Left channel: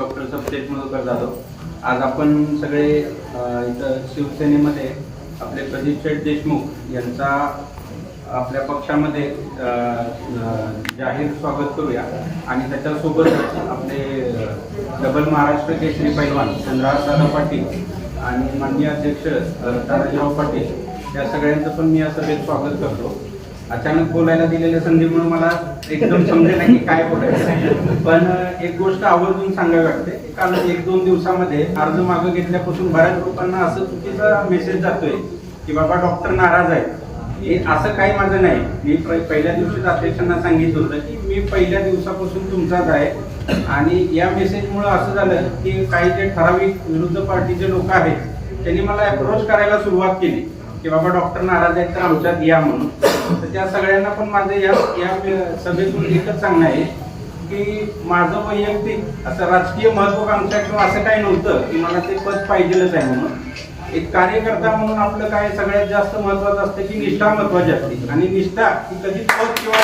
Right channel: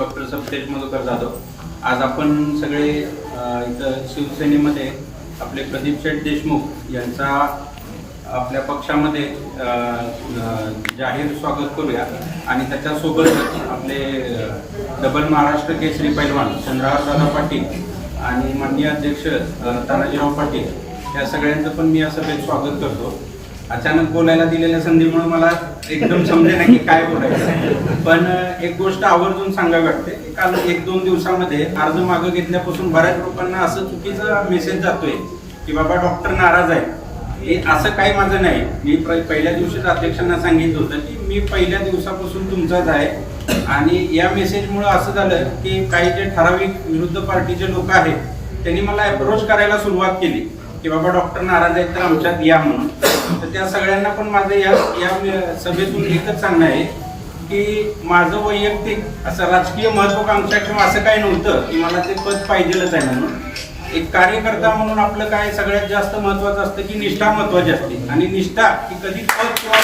Doctor सप्तेज Madhukar Jadhav आज आपण सगळे इथं शिवसेनेमध्ये आपले प्रदीप शेठ देशमुख यांचा आपल्या पक्षामध्ये जाहीर स्वागत करूया. आणि त्याच्यासोबतच आपले डबल महाराष्ट्र केसरी पैलवान चंद्रहार पाटील आणि माननीय अध्यक्ष तानाजीराव पाटील या सगळ्यांचं पण मी या सभेत स्वागत करतो. अचानक बोलायला दिलेल्या संधीमुळे मला एकदम समजेना की काय बोलायचं. पण एक गोष्ट आवर्जून सांगा वाटते कारण काल एक दोन दिवसामध्ये अर्ज मागं घेतल्यापासून बऱ्याच लोकांना असं चुकीचा मेसेज जातोय की बाबा डॉक्टर नाराज आहे हे असं काही माझं नाही. मी पहिल्या दिवशीच अध्यक्षांना सांगितलं होतं की मी पहिल्या दिवसापासून तुमचाच आहे. आणि या मेसेजमुळे असं झालं की काही जे ठराविक विरुद्ध पार्टीचे लोक आहेत त्यांनी मला अप्रोच करायला सुरुवात केली. की बाबा डॉक्टर नाराज आहेत तर आमच्यात या म्हणून. तर त्या सगळ्यांना पण माझं या या सभेतून एकच सांगणं आहे की माझं वैयक्तिक असं राजकीय महत्वाकांक्षा किंवा असं काही नव्हतं की मला ते पद पाहिजेलच आहे म्हणून. एक कार्यकर्ता म्हणून आपलं काय सगळ्यात जास्त महत्वाचं असतं की निष्ठा महत्वाची असते. आणि निष्ठा ही कधी पद किंवा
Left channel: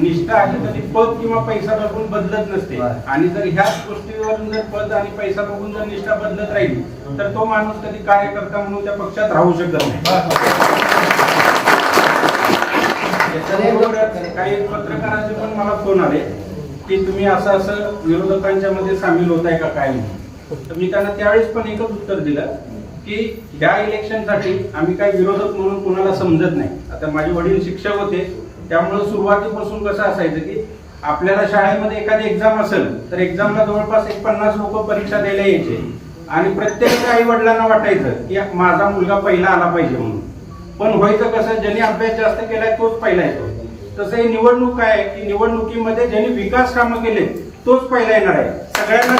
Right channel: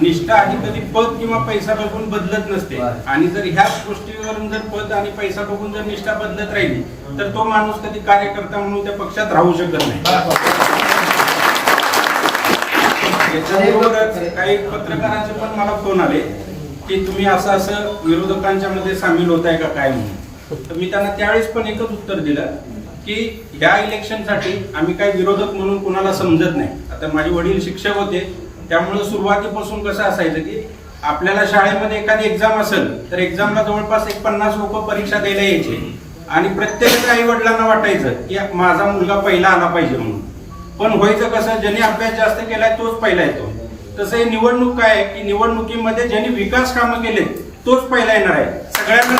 निष्ठा ही कधी पद किंवा पैसा बघून बदलत नसते. आणि जर ह्याच गोष्टीवरून जर पद आणि पैसा बघून जर निष्ठा बदलत राहिली तर तो माणूस कधी कार्यकर्ता म्हणून त्या पक्षात राहू शकत नाही. काही पत्रकारांचे पण मला फोन आले की तुम्ही असं असं विरोधकांच्या मध्ये सामील होत आहे का काय म्हणून. तर मी त्यांना त्यावेळेस पण एकच उत्तर दिलं की ह्या इलेक्शनसाठी आम्ही काय विरोधक म्हणून कुणाला समजत नाही. आता माझे वडील शिक्षक होते त्यामुळे सुरुवातीपासून कसं असायचं की आपल्याला शाळेमध्ये एखादी एक्झाम असेल तर एक्झामला जवळपास एक पन्नास लोक परीक्षा द्यायला यायचे. आणि प्रत्येक आई वडिलांना वाटायचं की माझा मुलगा पहिला आला पाहिजे म्हणून. पण व्हायचं कसं ज्याने अभ्यास जास्त केलाय तोच पहिला येतो. तसं हे निवडणूक काय आहे की निवडणुकीमध्ये ज्यांनी विकास कामं केले तोच पहिला येणार आहे. सगळ्यांना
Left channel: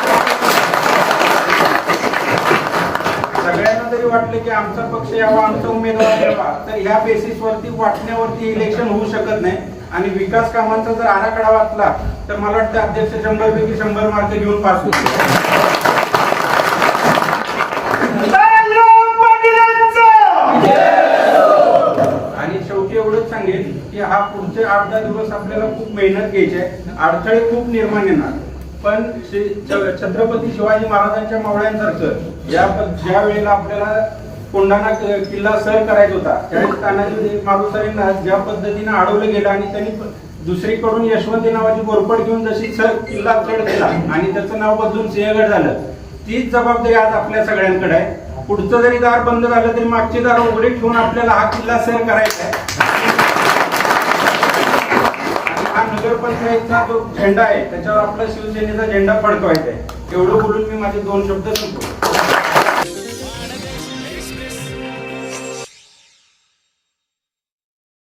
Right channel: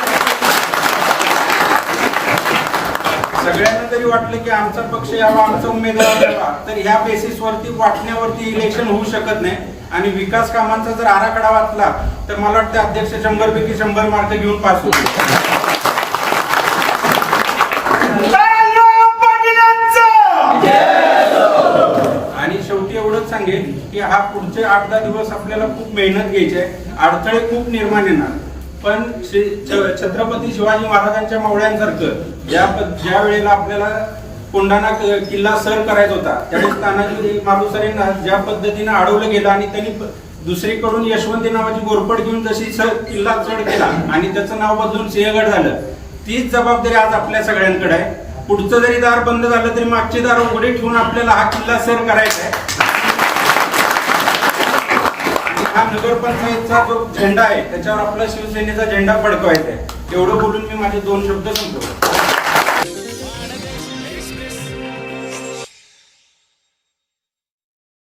सगळ्यांना जरी वाटलं की आमचा पक्ष यावा आमचा उमेदवार यावा तर ह्या बेसिसवरती वाटण्यावरती इलेक्शन होऊ शकत नाही. आणि विकास कामांचा जर आराखडा वाचला तर मला वाटतं अध्यक्ष शंभर पैकी शंभर मार्क घेऊन पास होईल आणि शेवटी एवढंच सांगेन की हा पुढचे आठ दहा दिवस आपल्याला खूप मेहनत घ्यायची आहे. अडथळे खूप निर्माण येणार. पण श्री- छत्रपती शिवाजी महाराजांच्या मावळ्यांसारखं ज्या ज्या वेळेला आपल्याला कोंढाणा किल्ला सर करायचा होता त्यावेळेस तानाजी मारुसरेंना ज्या पद्धतीने अडवलं गेलं आणि त्यांनी दुसरीकडून यशवंती नावाची गोरपड घेऊन जशी सर किल्ला चढ केला आणि त्याचं नाव बदलून सिंहगड झालं तीच जबाबदारी आज आपल्या सगळ्यांकडे आहे. पुढचं जरी दार बंद झालं तरी मागची दार उघडी ठेवून आपल्याला हा किल्ला सर करायचा आहे आणि हा नगरपंचायतचा जो झेंडा आहे त्याच्यावर आपला शिवसेनेचा झेंडा फडकवायचा आहे. एवढं बोलून मी माझे दोन शब्द संपवतो.